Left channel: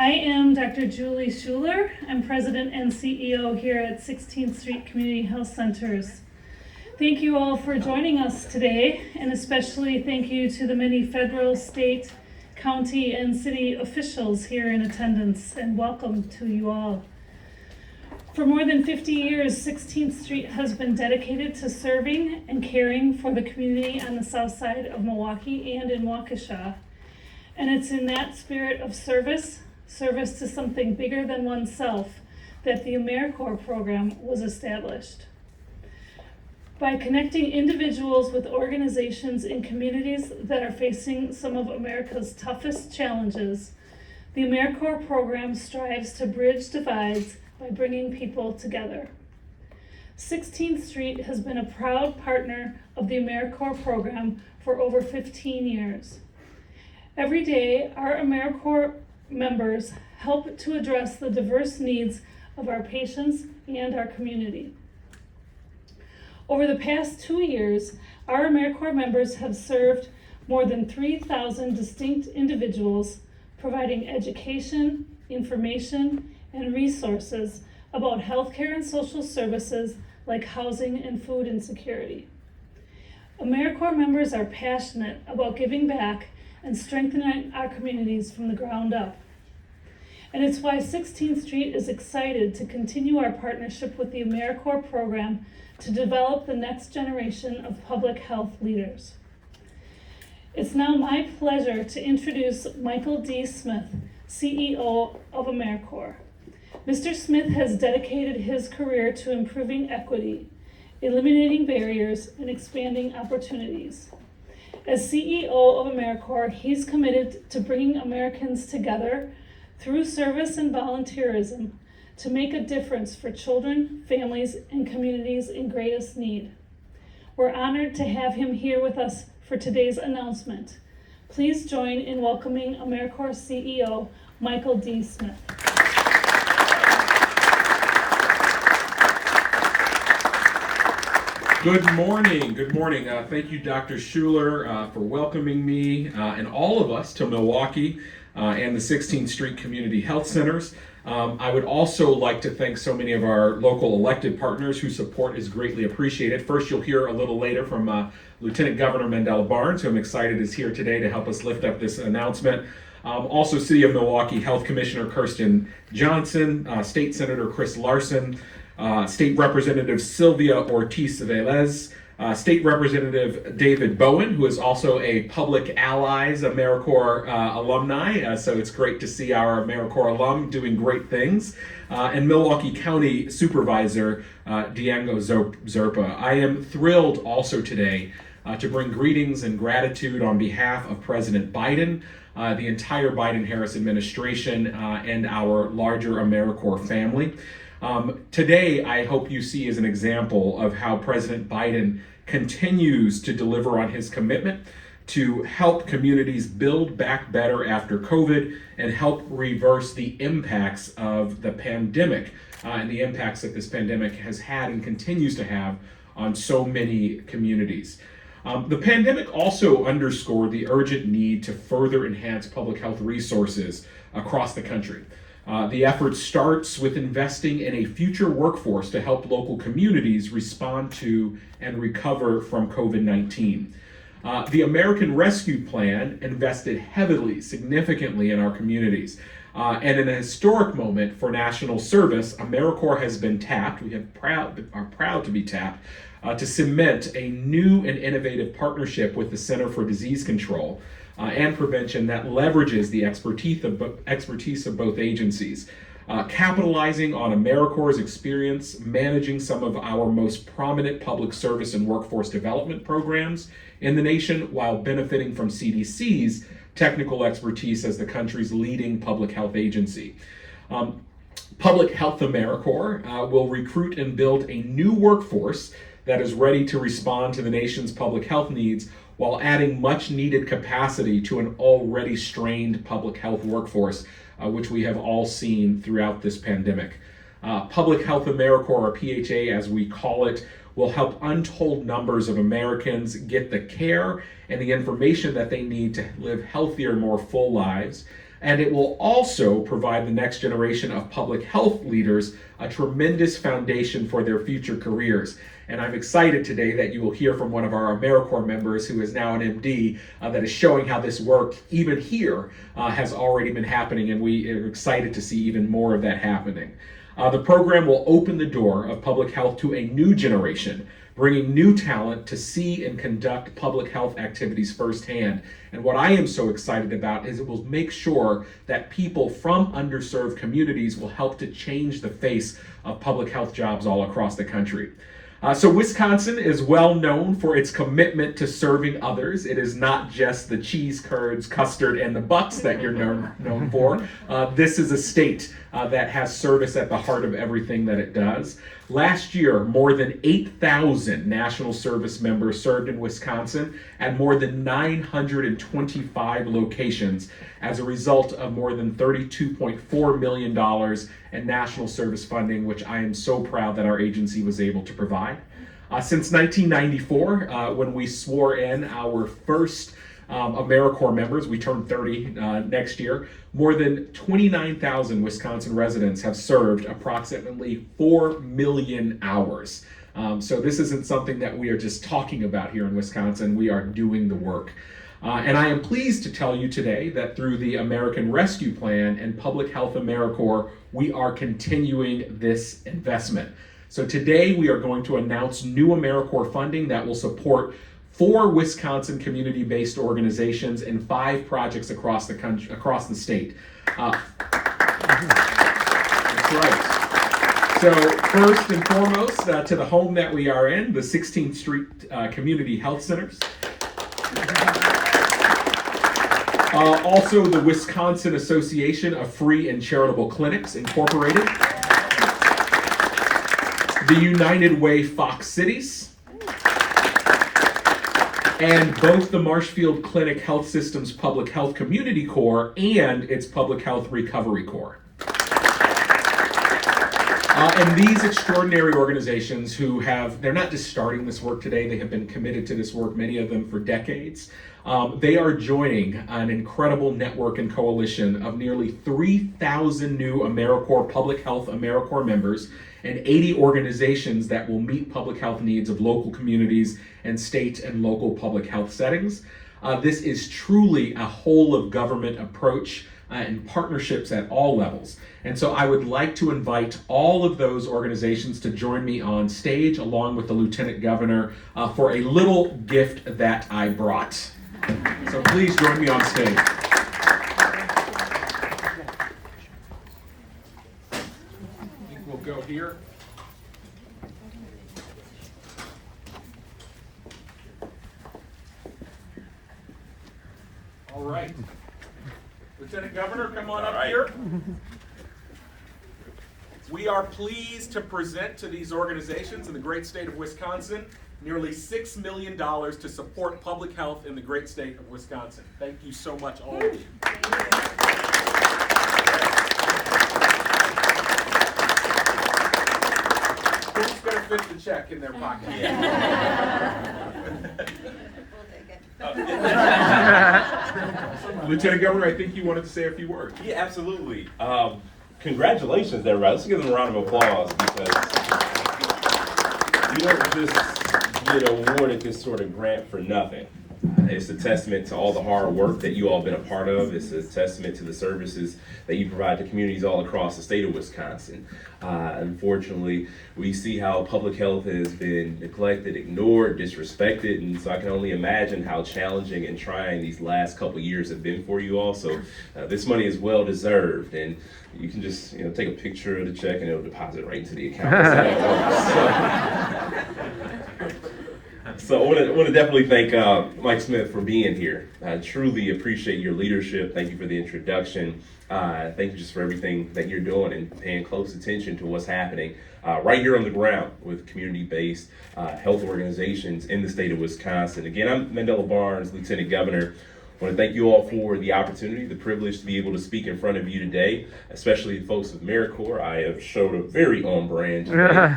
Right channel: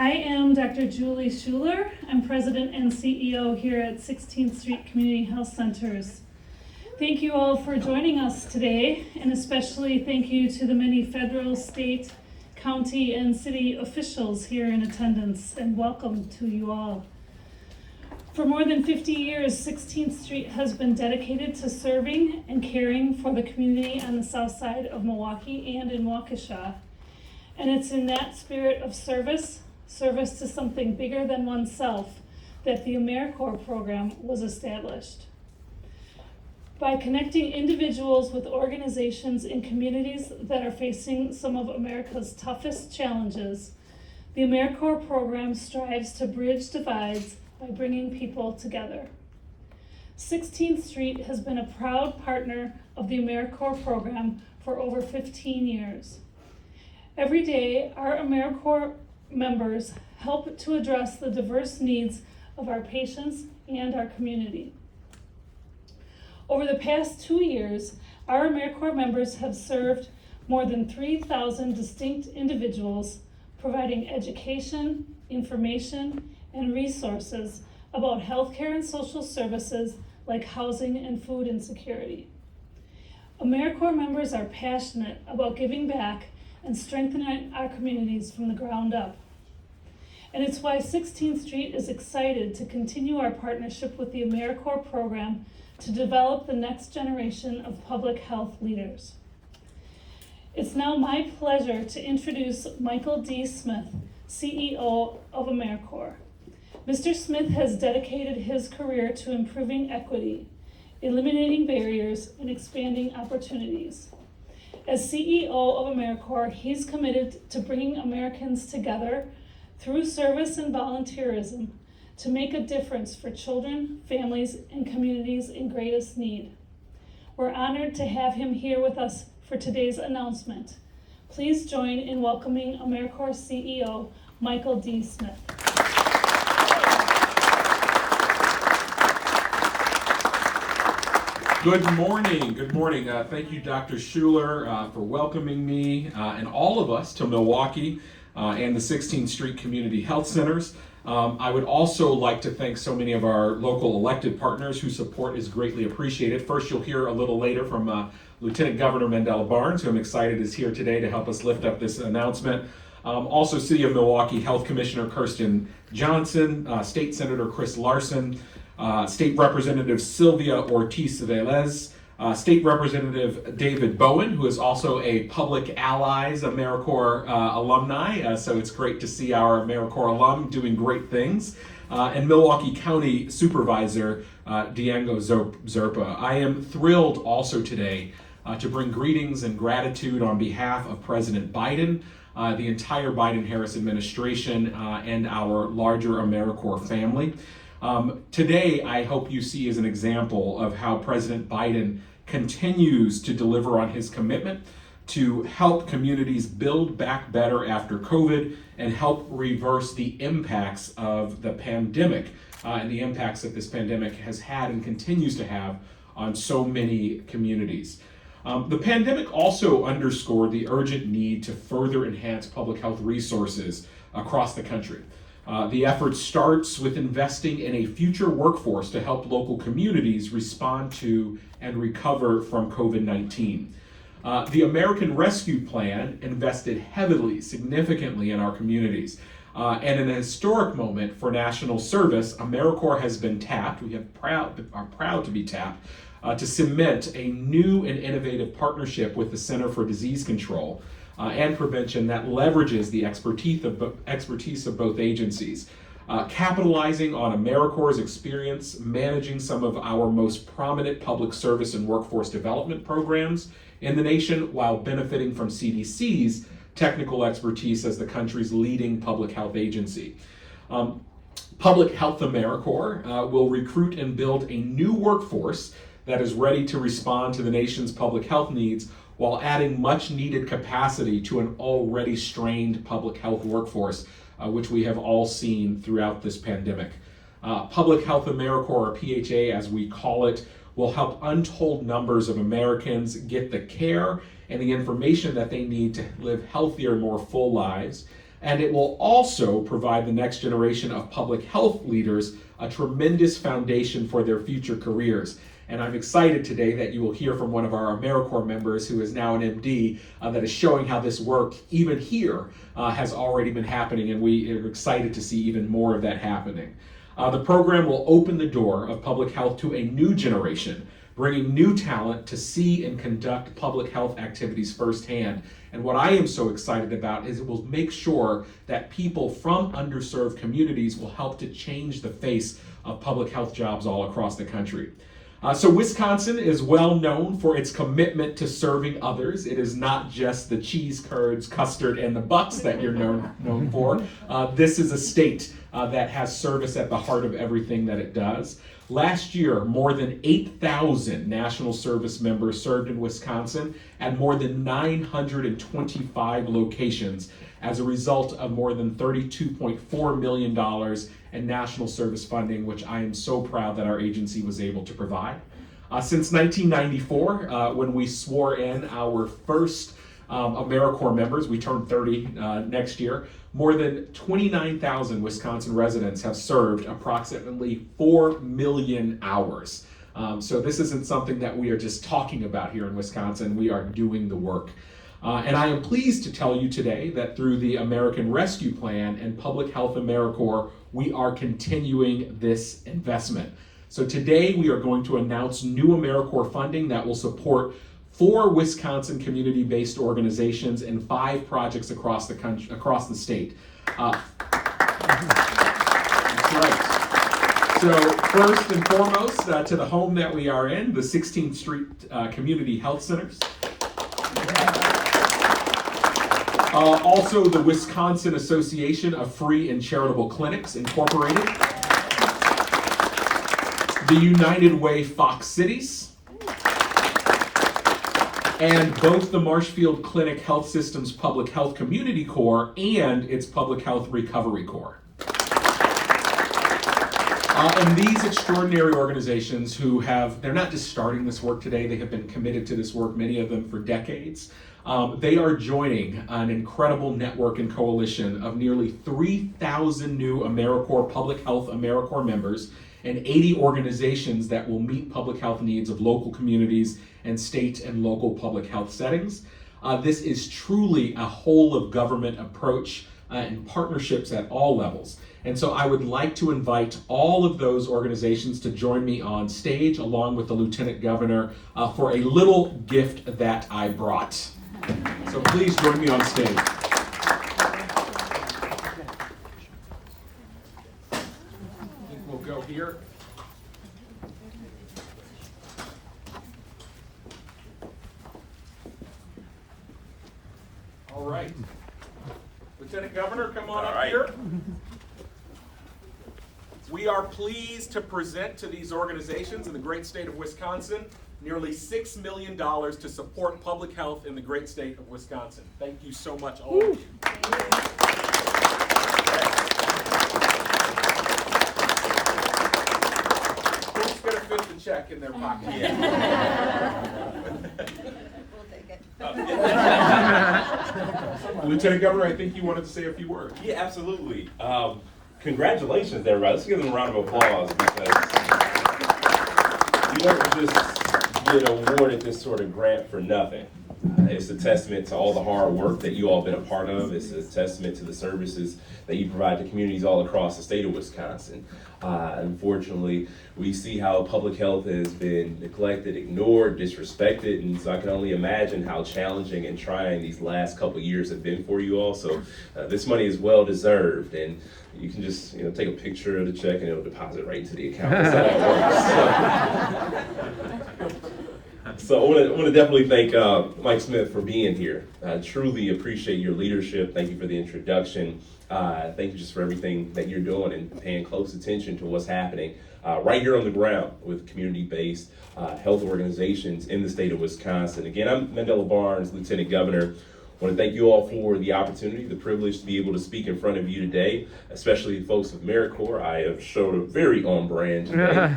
I am Dr. Julie Schuller. I'm President and CEO here at 16th Street Community Health Centers. Thank you all for joining us today, and especially thank you to the many federal, state, county, and city officials here in attendance, and welcome to you all. For more than 50 years, 16th Street has been dedicated to serving and caring for the community on the south side of Milwaukee and in Waukesha. And it's in that spirit of service to something bigger than oneself, that the AmeriCorps program was established. By connecting individuals with organizations in communities that are facing some of America's toughest challenges, the AmeriCorps program strives to bridge divides by bringing people together. 16th Street has been a proud partner of the AmeriCorps program for over 15 years. Every day, our AmeriCorps members help to address the diverse needs of our patients and our community. Over the past 2 years, our AmeriCorps members have served more than 3,000 distinct individuals, providing education, information, and resources about healthcare and social services like housing and food insecurity. AmeriCorps members are passionate about giving back and strengthening our communities from the ground up. And it's why 16th Street is excited to continue our partnership with the AmeriCorps program to develop the next generation of public health leaders. It's now my pleasure to introduce Michael D. Smith, CEO of AmeriCorps. Mr. Smith has dedicated his career to improving equity, eliminating barriers, and expanding opportunities. As CEO of AmeriCorps, he's committed to bringing Americans together through service and volunteerism to make a difference for children, families, and communities in greatest need. We're honored to have him here with us for today's announcement. Please join in welcoming AmeriCorps CEO Michael D. Smith. Good morning. Thank you, Dr. Schuller, for welcoming me and all of us to Milwaukee and the 16th Street Community Health Centers. I would also like to thank so many of our local elected partners whose support is greatly appreciated. First, you'll hear a little later from Lieutenant Governor Mandela Barnes, who I'm excited is here today to help us lift up this announcement. Also, City of Milwaukee Health Commissioner Kirsten Johnson, State Senator Chris Larson, State Representative Sylvia Ortiz-Velez, State Representative David Bowen, who is also a Public Allies AmeriCorps alumni, so it's great to see our AmeriCorps alum doing great things, and Milwaukee County Supervisor Diego Zerpa. I am thrilled also today to bring greetings and gratitude on behalf of President Biden, the entire Biden-Harris administration, and our larger AmeriCorps family. Today, I hope you see as an example of how President Biden continues to deliver on his commitment to help communities build back better after COVID and help reverse the impacts of the pandemic and the impacts that this pandemic has had and continues to have on so many communities. The pandemic also underscored the urgent need to further enhance public health resources across the country. The effort starts with investing in a future workforce to help local communities respond to and recover from COVID-19. The American Rescue Plan invested heavily, significantly in our communities. And in a historic moment for national service, AmeriCorps has been tapped, are proud to be tapped, to cement a new and innovative partnership with the Center for Disease Control and Prevention that leverages the expertise of both agencies, capitalizing on AmeriCorps' experience managing some of our most prominent public service and workforce development programs in the nation, while benefiting from CDC's technical expertise as the country's leading public health agency. Public Health AmeriCorps will recruit and build a new workforce that is ready to respond to the nation's public health needs, while adding much needed capacity to an already strained public health workforce, which we have all seen throughout this pandemic. Public Health AmeriCorps, or PHA as we call it, will help untold numbers of Americans get the care and the information that they need to live healthier, more full lives. And it will also provide the next generation of public health leaders a tremendous foundation for their future careers. And I'm excited today that you will hear from one of our AmeriCorps members who is now an MD that is showing how this work, even here, has already been happening, and we are excited to see even more of that happening. The program will open the door of public health to a new generation, bringing new talent to see and conduct public health activities firsthand. And what I am so excited about is it will make sure that people from underserved communities will help to change the face of public health jobs all across the country. So Wisconsin is well known for its commitment to serving others. It is not just the cheese curds, custard, and the bucks that you're known for. This is a state that has service at the heart of everything that it does. Last year, more than 8,000 national service members served in Wisconsin at more than 925 locations as a result of more than $32.4 million in national service funding, which I am so proud that our agency was able to provide. Since 1994, when we swore in our first AmeriCorps members, we turned 30 next year, more than 29,000 Wisconsin residents have served approximately 4 million hours. So this isn't something that we are just talking about here in Wisconsin, we are doing the work. And I am pleased to tell you today that through the American Rescue Plan and Public Health AmeriCorps, we are continuing this investment. So today we are going to announce new AmeriCorps funding that will support 4 Wisconsin community-based organizations and 5 projects across the country, across the state. That's right. So first and foremost, to the home that we are in, the 16th Street Community Health Centers. Also the Wisconsin Association of Free and Charitable Clinics, Incorporated. The United Way Fox Cities. And both the Marshfield Clinic Health System's Public Health Community Corps and its Public Health Recovery Corps. And these extraordinary organizations who they're not just starting this work today, they have been committed to this work, many of them for decades. They are joining an incredible network and coalition of nearly 3,000 new AmeriCorps Public Health AmeriCorps members and 80 organizations that will meet public health needs of local communities and state and local public health settings. This is truly a whole of government approach and partnerships at all levels. And so I would like to invite all of those organizations to join me on stage along with the Lieutenant Governor for a little gift that I brought. So please join me on stage. I think we'll go here. All right. Lieutenant Governor, come on up here. We are pleased to present to these organizations in the great state of Wisconsin nearly $6 million to support public health in the great state of Wisconsin. Thank you so much, all of you. Who's going to fit the check in their pocket? Lieutenant Governor, I think you wanted to say a few words. Yeah, absolutely. Congratulations, everybody. Let's give them a round of applause because you don't just get awarded this sort of grant for nothing. It's a testament to all the hard work that you all have been a part of. It's a testament to the services that you provide to communities all across the state of Wisconsin. Unfortunately, we see how public health has been neglected, ignored, disrespected, and so I can only imagine how challenging and trying these last couple years have been for you all. So this money is well deserved, and you can just take a picture of the check and it'll deposit right into the account. So I want to definitely thank Mike Smith for being here. I truly appreciate your leadership. Thank you for the introduction. Thank you just for everything that you're doing and paying close attention to what's happening right here on the ground with community-based health organizations in the state of Wisconsin. Again, I'm Mandela Barnes, Lieutenant Governor. I want to thank you all for the opportunity, the privilege to be able to speak in front of you today, especially the folks of AmeriCorps. I have showed a very on brand today.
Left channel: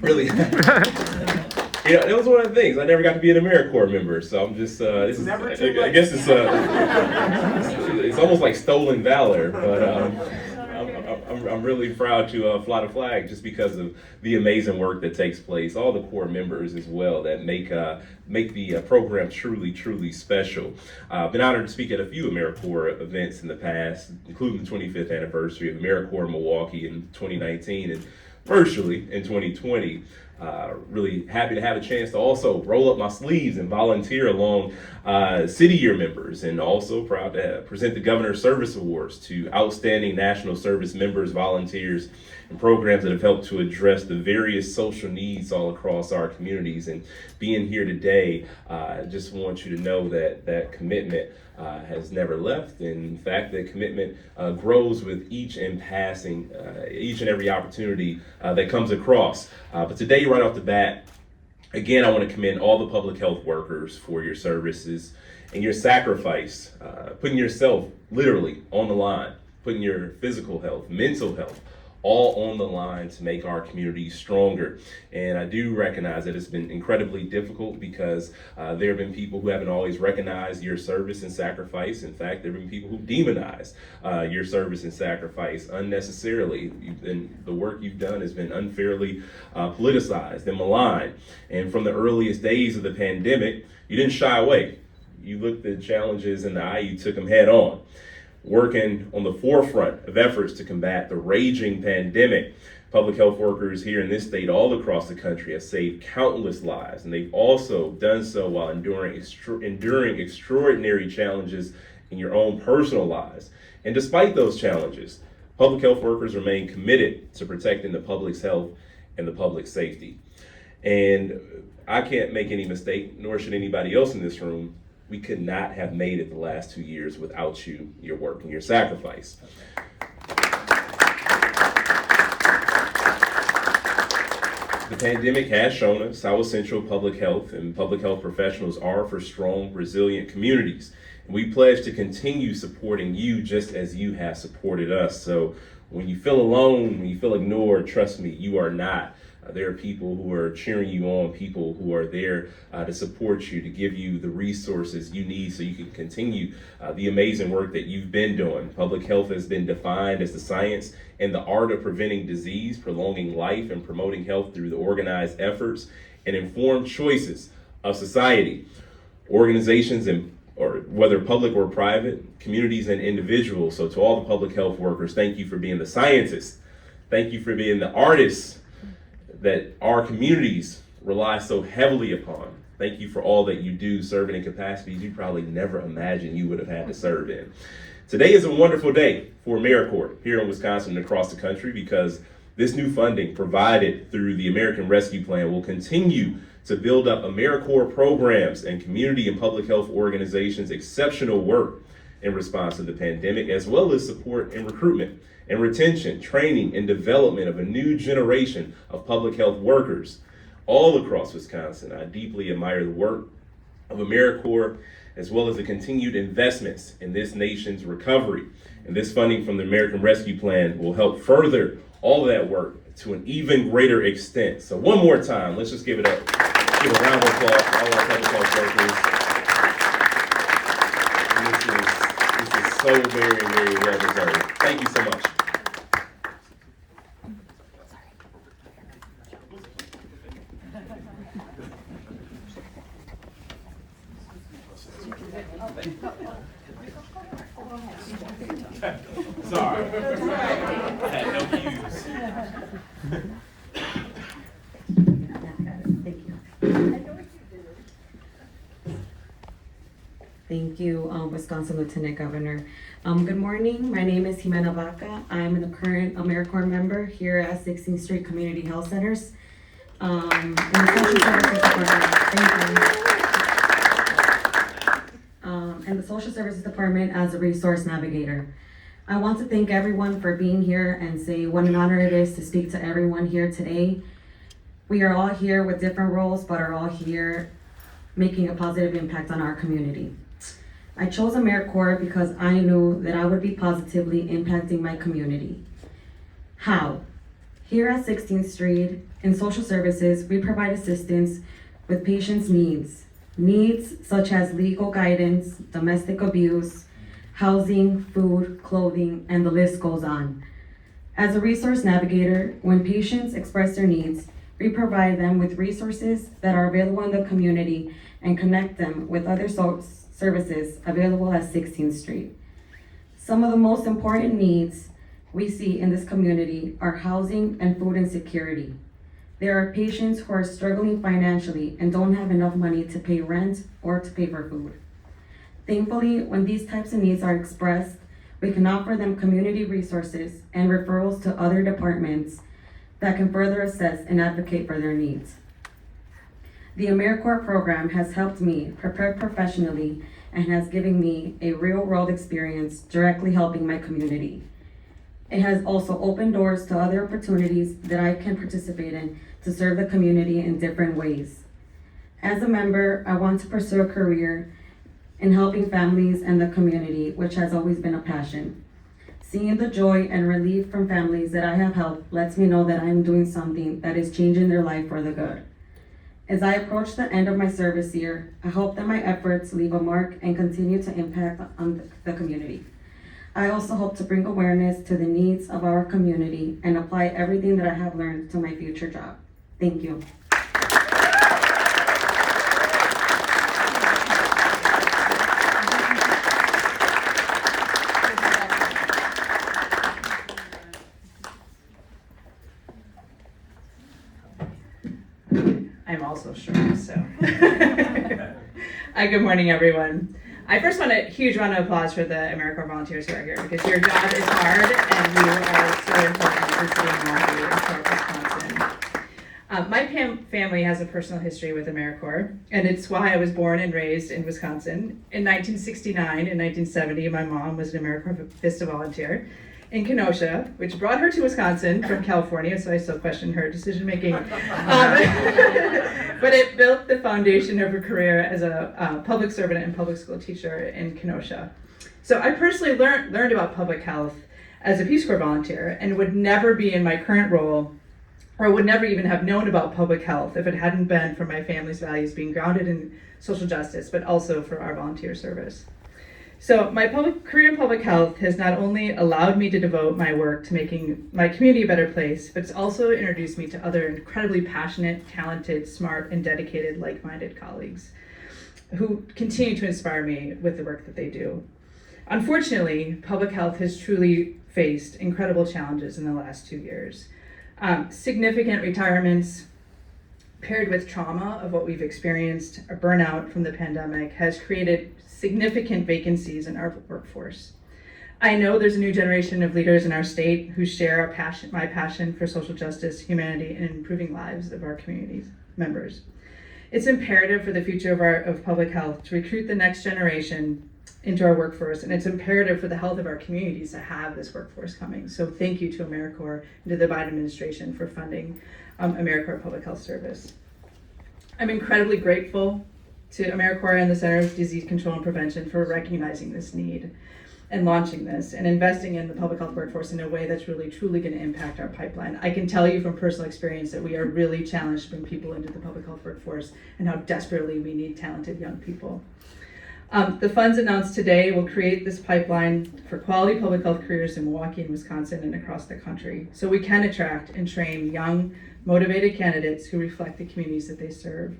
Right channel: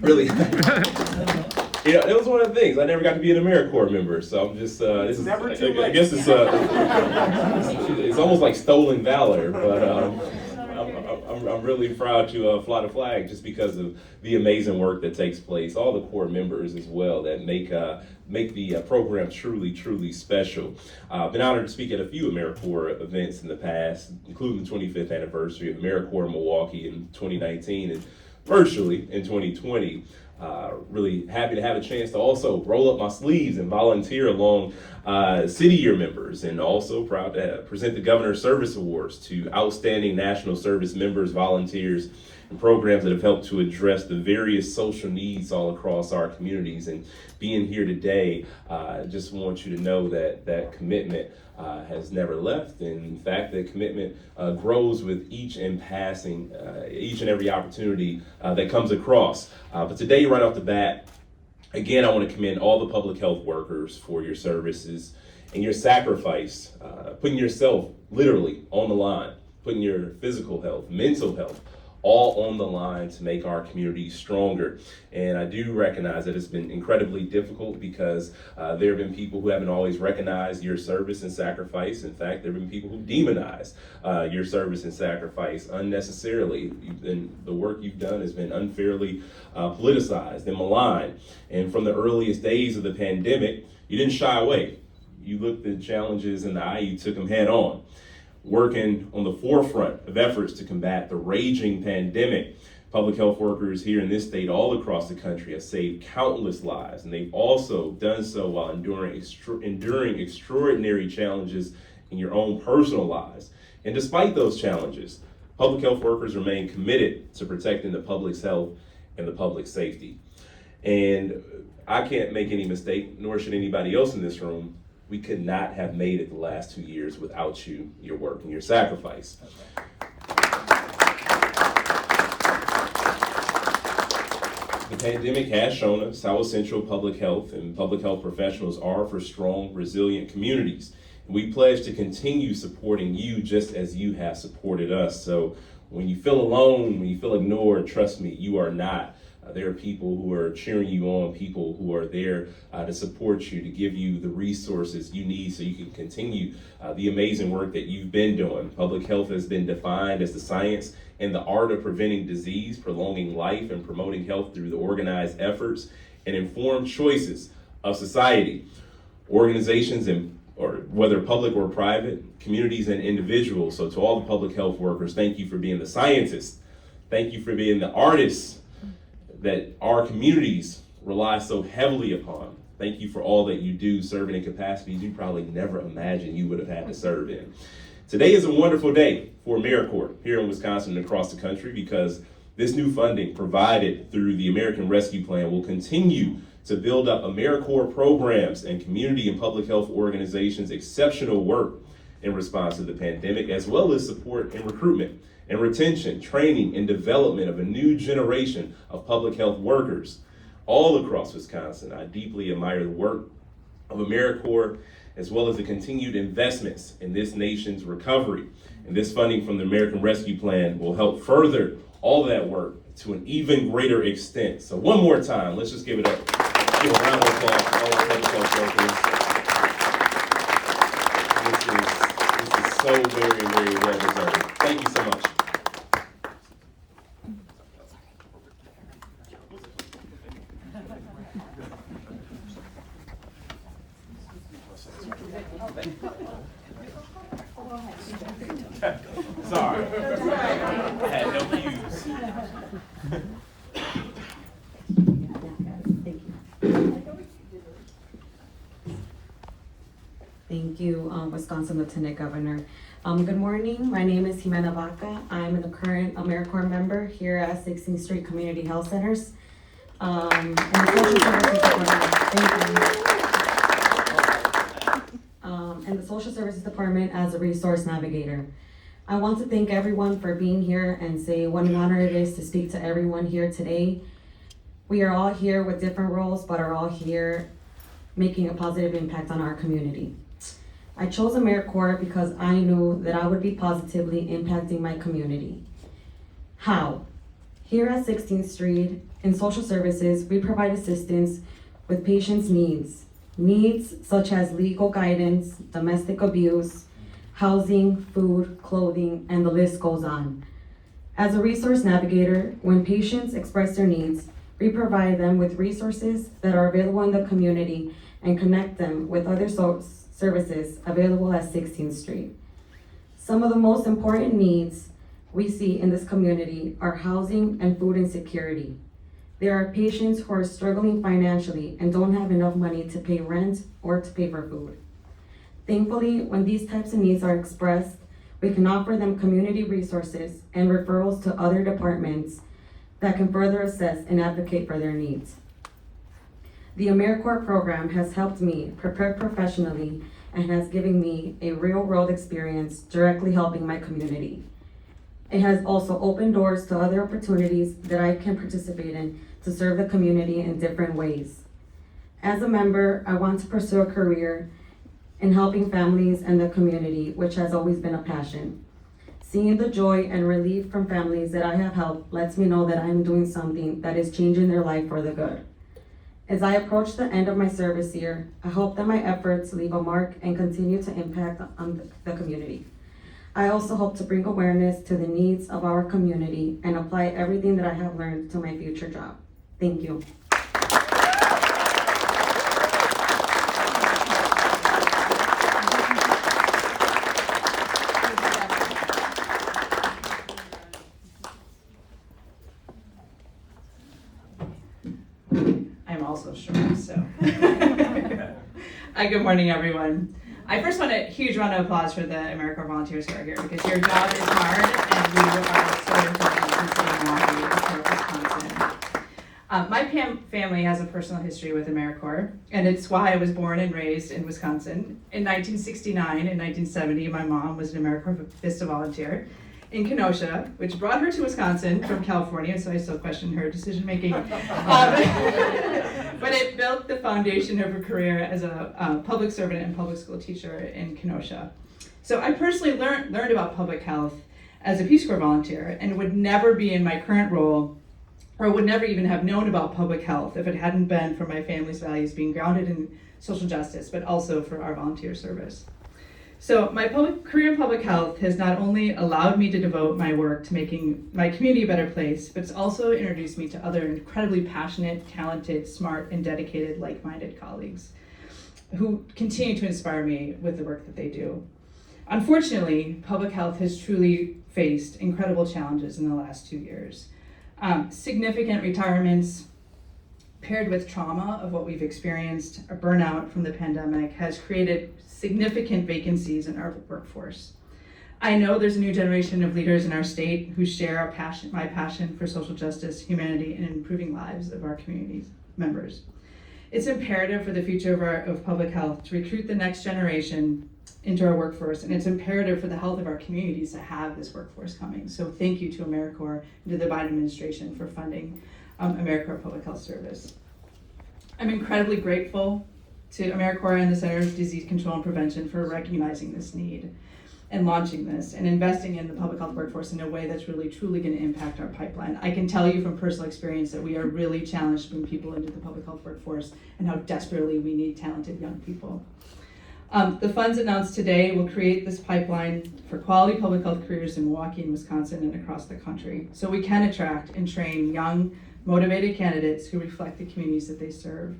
Really. that was one of the things. I never got to be an AmeriCorps member, so I'm just, this is, Never too I late. guess it's almost like stolen valor, but I'm really proud to fly the flag just because of the amazing work that takes place. All the Corps members as well that make the program truly special. I've been honored to speak at a few AmeriCorps events in the past, including the 25th anniversary of AmeriCorps Milwaukee in 2019 and virtually in 2020. Really happy to have a chance to also roll up my sleeves and volunteer along city year members, and also proud to present the Governor's Service Awards to outstanding national service members, volunteers, and programs that have helped to address the various social needs all across our communities. And being here today, I just want you to know that that commitment has never left. In fact, the commitment grows with each and every opportunity that comes across. But today, right off the bat, again, I want to commend all the public health workers for your services and your sacrifice, putting yourself literally on the line, putting your physical health, mental health, all on the line to make our community stronger. And I do recognize that it's been incredibly difficult because there have been people who haven't always recognized your service and sacrifice. In fact, there have been people who demonize your service and sacrifice unnecessarily. The work you've done has been unfairly politicized and maligned. And from the earliest days of the pandemic, you didn't shy away. You looked the challenges in the eye, you took them head on. Working on the forefront of efforts to combat the raging pandemic, public health workers here in this state, all across the country, have saved countless lives, and they've also done so while enduring extraordinary challenges in your own personal lives. And despite those challenges, public health workers remain committed to protecting the public's health and the public safety. And I can't make any mistake, nor should anybody else in this room. We could not have made it the last 2 years without you, your work, and your sacrifice. The pandemic has shown us how essential public health and public health professionals are for strong, resilient communities. And we pledge to continue supporting you just as you have supported us. So when you feel alone, when you feel ignored, trust me, you are not. There are people who are cheering you on, people who are there to support you, to give you the resources you need so you can continue the amazing work that you've been doing. Public health has been defined as the science and the art of preventing disease, prolonging life, and promoting health through the organized efforts and informed choices of society. Organizations, or whether public or private, communities and individuals. So to all the public health workers, thank you for being the scientists. Thank you for being the artists that our communities rely so heavily upon. Thank you for all that you do, serving in capacities you probably never imagined you would have had to serve in. Today is a wonderful day for AmeriCorps here in Wisconsin and across the country, because this new funding provided through the American Rescue Plan will continue to build up AmeriCorps programs and community and public health organizations' exceptional work in response to the pandemic, as well as support and recruitment and retention, training, and development of a new generation of public health workers all across Wisconsin. I deeply admire the work of AmeriCorps, as well as the continued investments in this nation's recovery. And this funding from the American Rescue Plan will help further all that work to an even greater extent. So one more time, let's just give it up. Give a round of applause to all our public health workers. This is so very, very well deserved. Thank you so much. Sorry. I had no cues. Thank you, Wisconsin Lieutenant Governor. Good morning. My name is Ximena Vaca. I'm the current AmeriCorps member here at 16th Street Community Health Centers. And the Social Services Department. Thank you. And the Social Services Department as a resource navigator. I want to thank everyone for being here and say what an honor it is to speak to everyone here today. We are all here with different roles, but are all here making a positive impact on our community. I chose AmeriCorps because I knew that I would be positively impacting my community. How? Here at 16th Street in social services, we provide assistance with patients' needs such as legal guidance, domestic abuse, housing, food, clothing, and the list goes on. As a resource navigator, when patients express their needs, we provide them with resources that are available in the community and connect them with other services available at 16th Street. Some of the most important needs we see in this community are housing and food insecurity. There are patients who are struggling financially and don't have enough money to pay rent or to pay for food. Thankfully, when these types of needs are expressed, we can offer them community resources and referrals to other departments that can further assess and advocate for their needs. The AmeriCorps program has helped me prepare professionally and has given me a real-world experience directly helping my community. It has also opened doors to other opportunities that I can participate in to serve the community in different ways. As a member, I want to pursue a career in helping families and the community, which has always been a passion. Seeing the joy and relief from families that I have helped lets me know that I'm doing something that is changing their life for the good. As I approach the end of my service year, I hope that my efforts leave a mark and continue to impact on the community. I also hope to bring awareness to the needs of our community and apply everything that I have learned to my future job. Thank you. I'm also short, so. Good morning, everyone. I first want a huge round of applause for the AmeriCorps volunteers who are here, because your job is hard and you are so important to the city of Milwaukee and for Wisconsin. My family has a personal history with AmeriCorps, and it's why I was born and raised in Wisconsin. In 1969 and 1970, my mom was an AmeriCorps Vista volunteer in Kenosha, which brought her to Wisconsin from California, so I still question her decision-making. But it built the foundation of her career as a public servant and public school teacher in Kenosha. So I personally learned about public health as a Peace Corps volunteer and would never be in my current role, or would never even have known about public health if it hadn't been for my family's values being grounded in social justice, but also for our volunteer service. So my career in public health has not only allowed me to devote my work to making my community a better place, but it's also introduced me to other incredibly passionate, talented, smart, and dedicated, like-minded colleagues who continue to inspire me with the work that they do. Unfortunately, public health has truly faced incredible challenges in the last 2 years. Significant retirements, paired with trauma of what we've experienced, a burnout from the pandemic, has created significant vacancies in our workforce. I know there's a new generation of leaders in our state who share my passion for social justice, humanity, and improving lives of our community's members. It's imperative for the future of public health to recruit the next generation into our workforce, and it's imperative for the health of our communities to have this workforce coming. So thank you to AmeriCorps and to the Biden administration for funding AmeriCorps Public Health Service. I'm incredibly grateful to AmeriCorps and the Center of Disease Control and Prevention for recognizing this need and launching this and investing in the public health workforce in a way that's really truly going to impact our pipeline. I can tell you from personal experience that we are really challenged to bring people into the public health workforce and how desperately we need talented young people. The funds announced today will create this pipeline for quality public health careers in Milwaukee and Wisconsin and across the country, so we can attract and train young, motivated candidates who reflect the communities that they serve.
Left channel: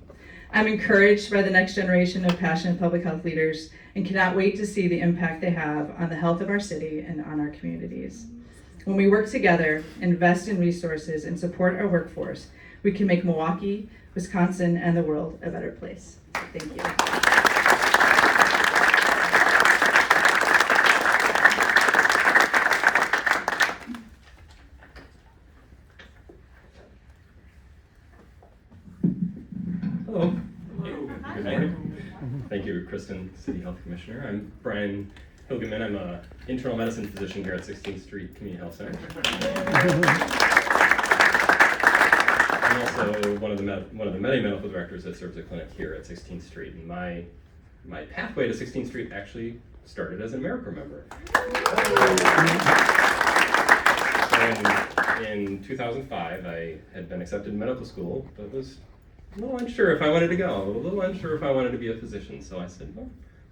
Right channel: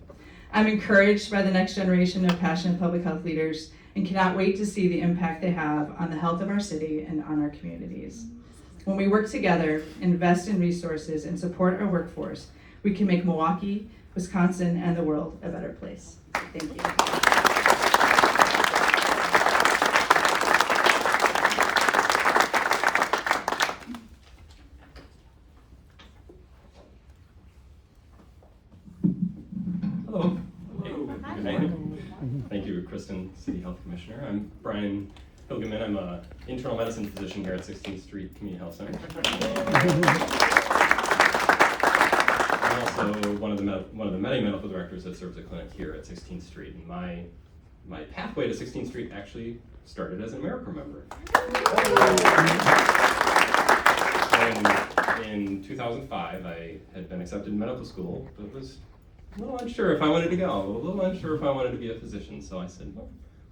I'm encouraged by the next generation of passionate public health leaders and cannot wait to see the impact they have on the health of our city and on our communities. When we work together, invest in resources, and support our workforce, we can make Milwaukee, Wisconsin, and the world a better place. Thank you. Hello. Good morning. Thank you, Kirsten, City Health Commissioner. I'm Brian Hilgeman. I'm an internal medicine physician here at 16th Street Community Health Center. I'm also one of the many medical directors that serves a clinic here at 16th Street. And my pathway to 16th Street actually started as an AmeriCorps member. In 2005, I had been accepted in medical school, but was a little unsure if I wanted to go, a little unsure if I wanted to be a physician. So I said, well,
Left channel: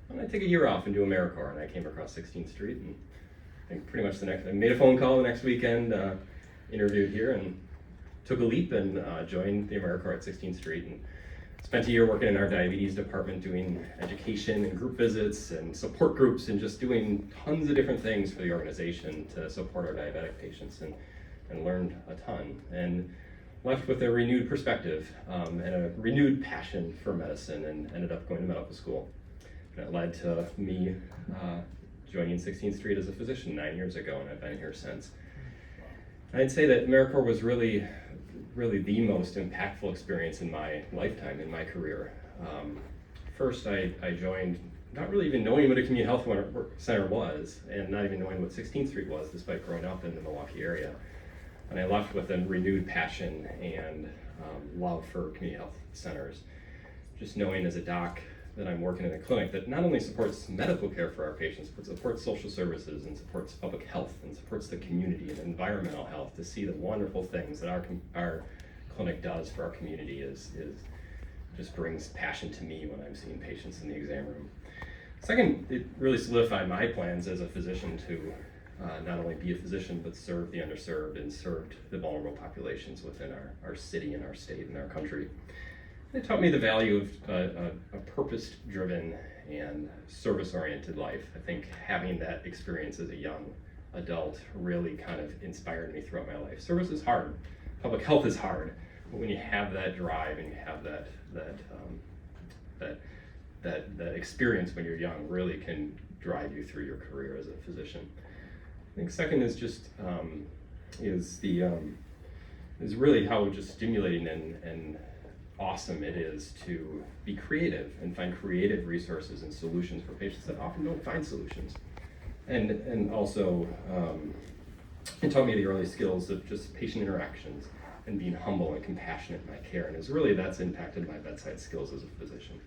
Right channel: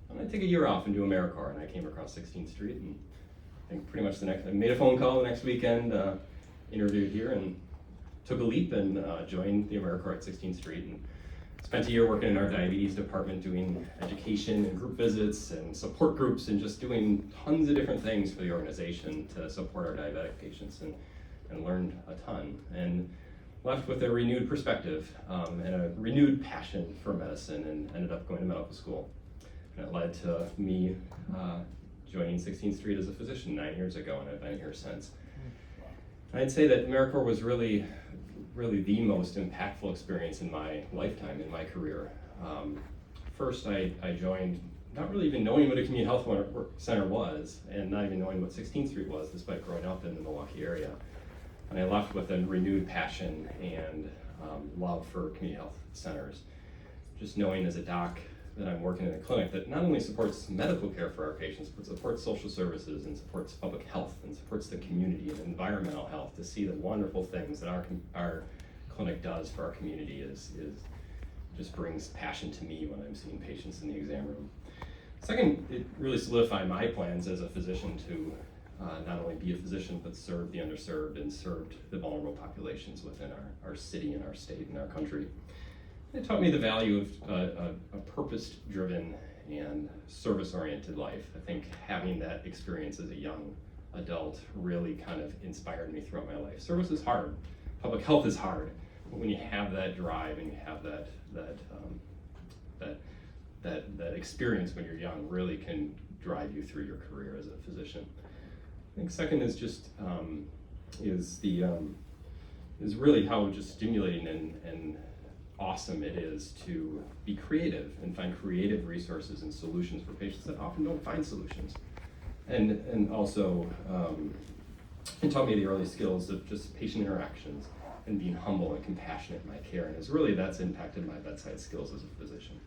why don't I take a year off and do AmeriCorps? And I came across 16th Street, and I think pretty much I made a phone call the next weekend, interviewed here, and took a leap and joined the AmeriCorps at 16th Street. And spent a year working in our diabetes department doing education and group visits and support groups and just doing tons of different things for the organization to support our diabetic patients, and learned a ton. And left with a renewed perspective and a renewed passion for medicine, and ended up going to medical school. And it led to me joining 16th Street as a physician 9 years ago, and I've been here since. I'd say that AmeriCorps was really the most impactful experience in my lifetime, in my career. First, I joined not really even knowing what a community health center was, and not even knowing what 16th Street was, despite growing up in the Milwaukee area. And I left with a renewed passion and love for community health centers. Just knowing as a doc that I'm working in a clinic that not only supports medical care for our patients, but supports social services and supports public health and supports the community and environmental health, to see the wonderful things that our clinic does for our community is just brings passion to me when I'm seeing patients in the exam room. Second, it really solidified my plans as a physician to not only be a physician, but serve the underserved and serve the vulnerable populations within our city and our state and our country. It taught me the value of a purpose-driven and service-oriented life. I think having that experience as a young adult really kind of inspired me throughout my life. Service is hard. Public health is hard. But when you have that drive and you have that experience when you're young, really can drive you through your career as a physician. I think second is just is really how just stimulating and awesome it is to be creative and find creative resources and solutions for patients that often don't find solutions. And also it taught me the early skills of just patient interactions and being humble and compassionate in my care, and that's impacted my bedside skills as a physician.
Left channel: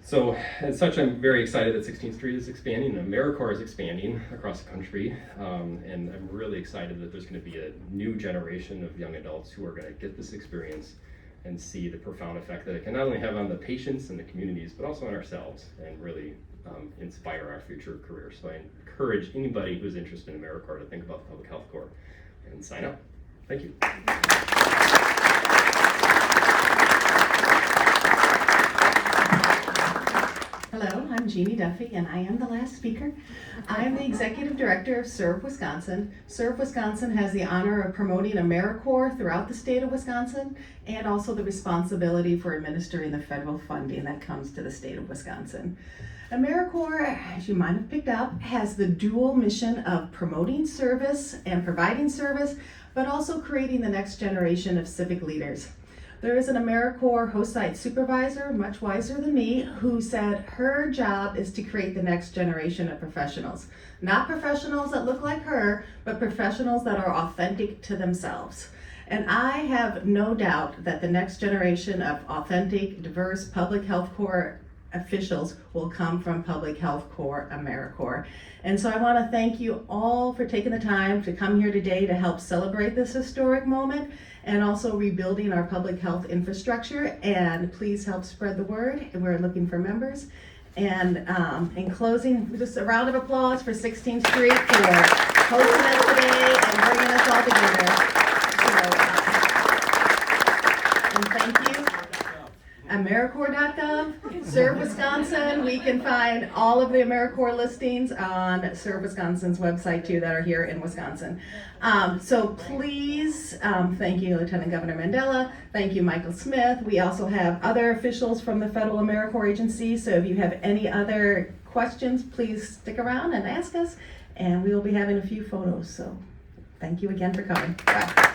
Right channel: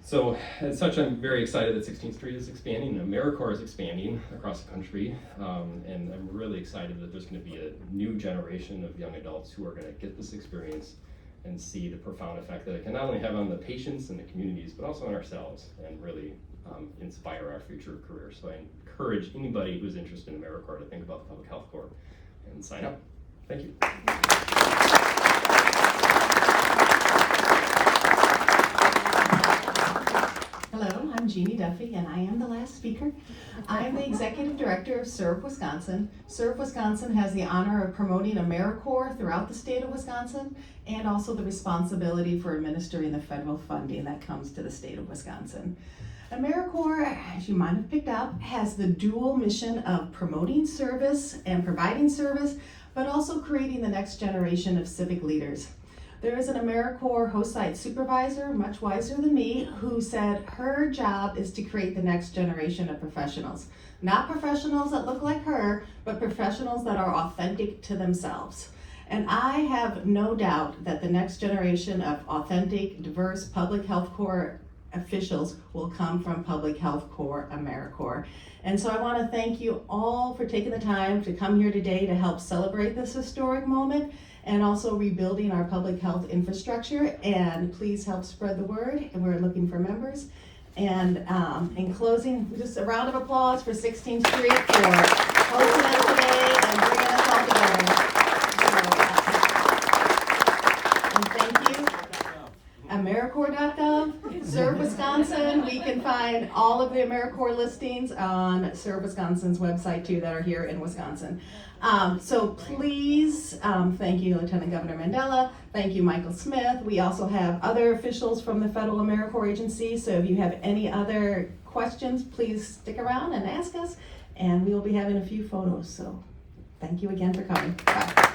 So as such, I'm very excited that 16th Street is expanding, and AmeriCorps is expanding across the country, and I'm really excited that there's going to be a new generation of young adults who are going to get this experience and see the profound effect that it can not only have on the patients and the communities, but also on ourselves, and really inspire our future career. So I encourage anybody who's interested in AmeriCorps to think about the Public Health Corps and sign up. Thank you. Hello, I'm Jeanne Duffy, and I am the last speaker. I am the Executive Director of Serve Wisconsin. Serve Wisconsin has the honor of promoting AmeriCorps throughout the state of Wisconsin, and also the responsibility for administering the federal funding that comes to the state of Wisconsin. AmeriCorps, as you might have picked up, has the dual mission of promoting service and providing service, but also creating the next generation of civic leaders. There is an AmeriCorps host site supervisor, much wiser than me, who said her job is to create the next generation of professionals. Not professionals that look like her, but professionals that are authentic to themselves. And I have no doubt that the next generation of authentic, diverse Public Health Corps officials will come from Public Health Corps AmeriCorps. And so I want to thank you all for taking the time to come here today to help celebrate this historic moment, and also rebuilding our public health infrastructure. And please help spread the word, and we're looking for members. And in closing, just a round of applause for 16th Street for hosting us today and bringing us all together. And thank you. AmeriCorps.gov, Serve Wisconsin. We can find all of the AmeriCorps listings on Serve Wisconsin's website too, that are here in Wisconsin. So please, thank you Lieutenant Governor Mandela, thank you Michael Smith. We also have other officials from the Federal AmeriCorps agency, so if you have any other questions, please stick around and ask us, and we will be having a few photos. So thank you again for coming. Bye.